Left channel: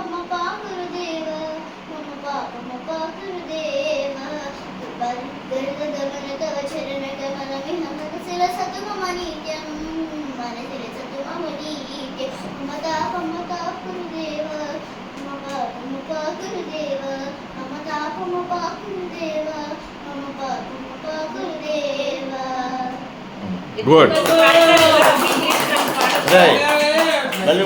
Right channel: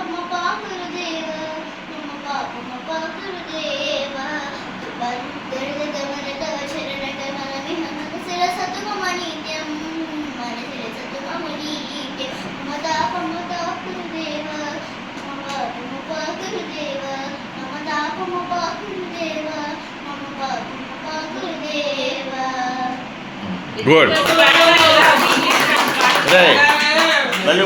గురుదేవ మమ పాప గురుదేవ గరుడ తవ చరణ కమలమిహ మనసిర సతు మమ నిత్యం మనసిర సతు మమ నిత్యం మమ తాప గురుదేవ మమ పాప గురుదేవ మమ తాప గురుదేవ మమ పాప గురుదేవ. గుడ్ రైట్ మళ్ళీ